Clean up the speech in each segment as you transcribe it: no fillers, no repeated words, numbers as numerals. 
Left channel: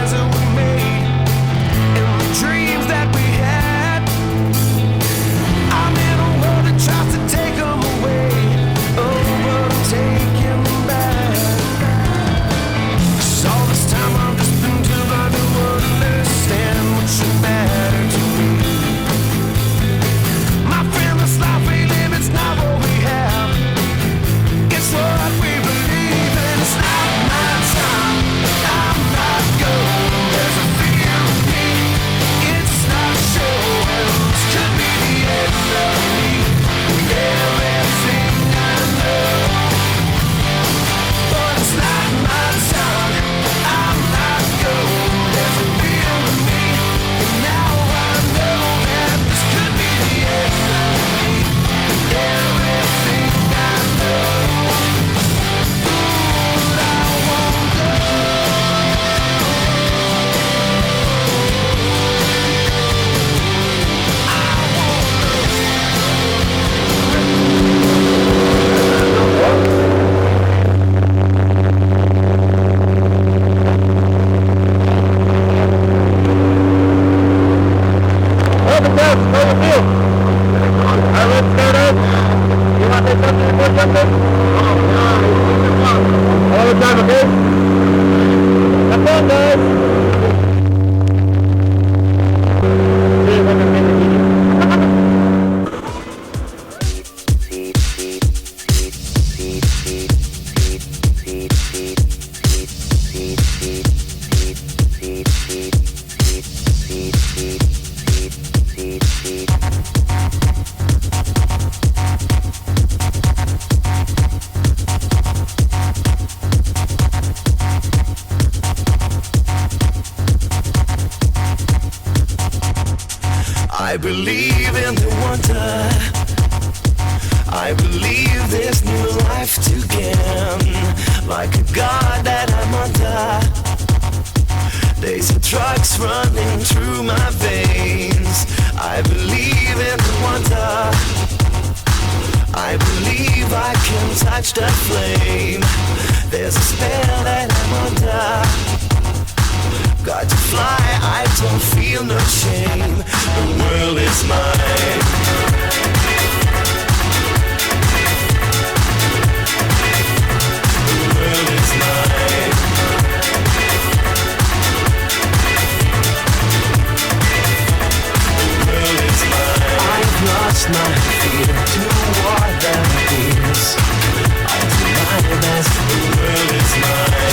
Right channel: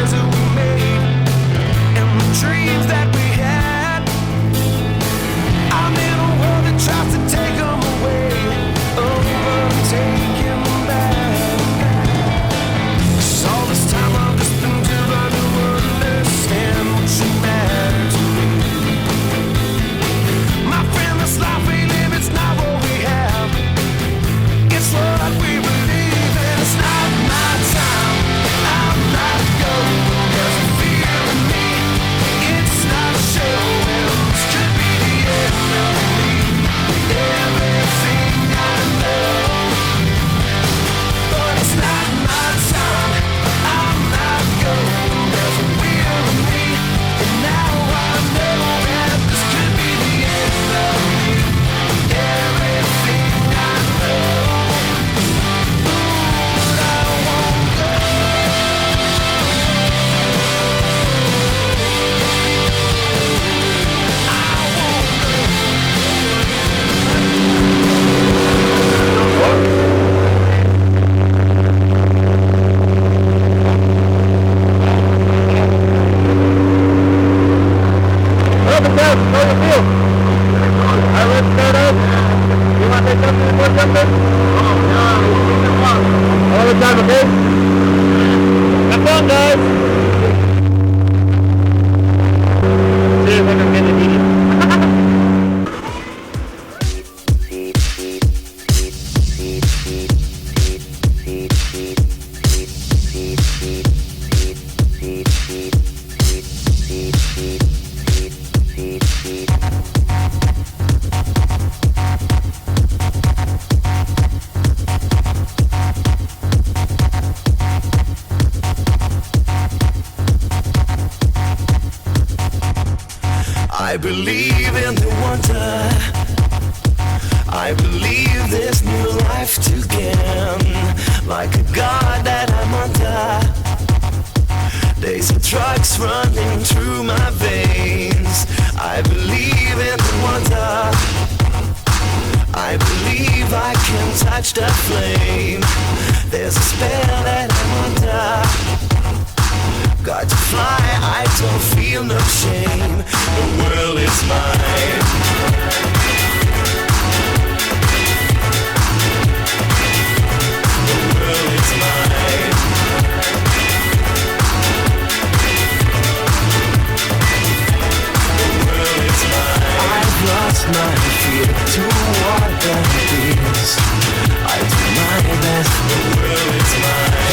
plans that we made and the dreams that we had. I'm in a world that tries to take them away. Oh, but I'm taking them back. 'Cause all this time I've just been too blind to understand what should matter to me. My friend, this life we live, it's not what we have. It's what we believe, and it's not my time. I'm not going. There's a fear in me. It's not showing. This could be the end of me. Everything I know, but it's not my time. I'm not going. There's a will in me, and now I know that this could be the end of me. Everything I know. I believe in the wonder. I believe there's new life to gain. Like a god that I'm under. There's drugs running through my veins. I believe in the wonder. I believe I can touch the flame. There's a spell that I'm under. Got to fly, I don't feel no shame. The world is mine. The world is mine. The world is mine. The world is mine.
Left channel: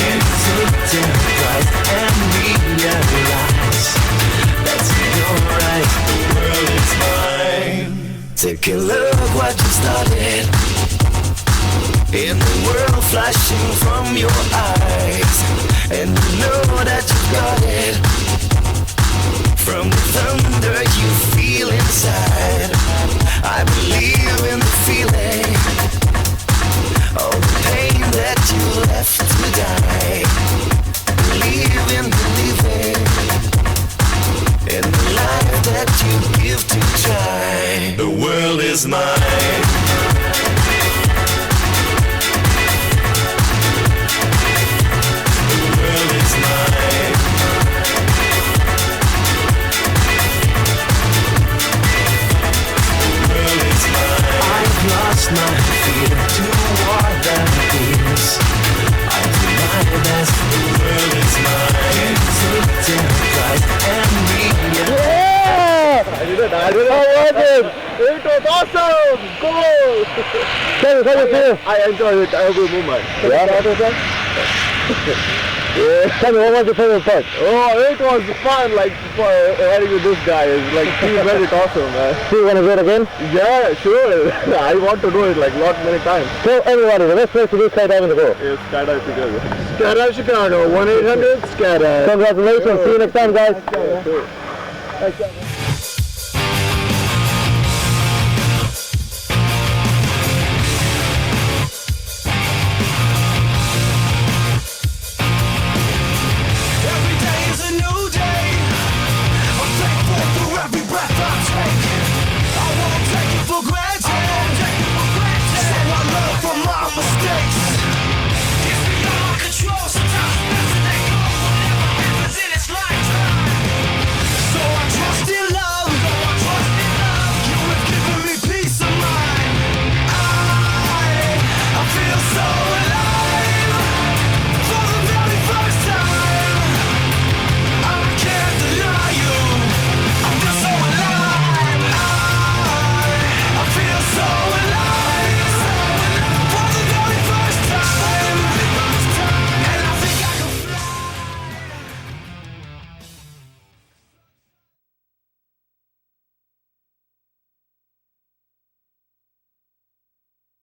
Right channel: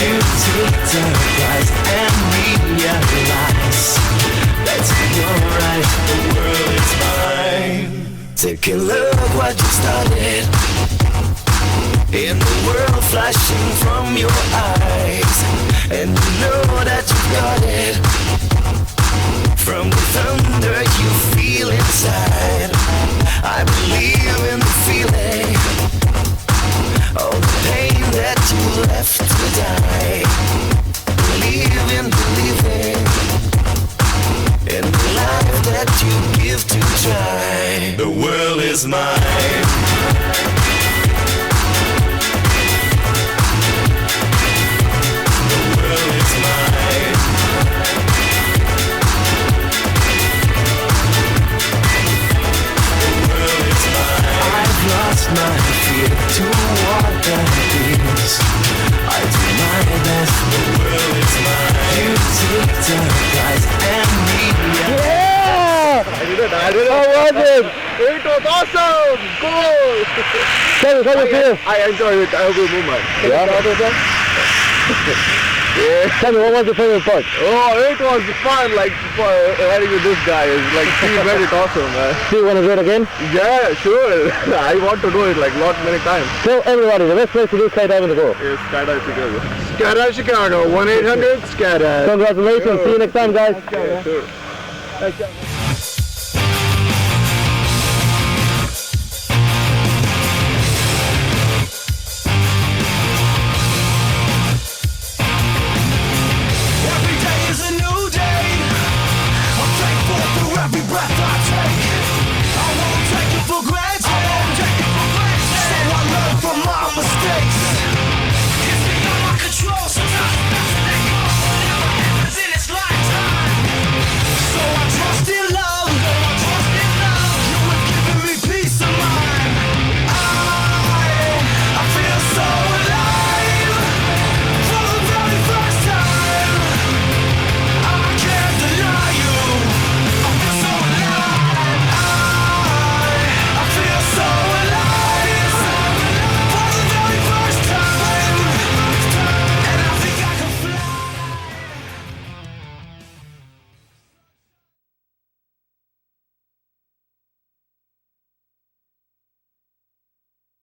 Take a look what you started. In the world flashing from your eyes, and you know that you got it. From the thunder you feel inside, I believe in the feeling. All the pain that you left to die. Believe in believing in the life that you give to try. The world is mine. The world is mine. The world is mine. The world is mine. I did it. How was it? It was awesome! Goal! How did you feel? I enjoyed it. Every moment. Yeah? Yeah. Tell me, what was your favorite part? Oh, it was fun, like, riding with this guy. Like, he made it awesome, man. Do you want to do it again? Yeah, sure. I want to do it, like, many times. So, everybody, the best place to do skydiving in the world? Is Skydive Chicago. Skydive Chicago, 1-800-SKYDIVE. Congratulations. See you next time, guys. Okay, sure. Thanks, guys. For every breath I take, I won't take it for granted. So I learn from my mistakes. It's beyond my control. Sometimes it's best to let go. Whatever happens in its Trust in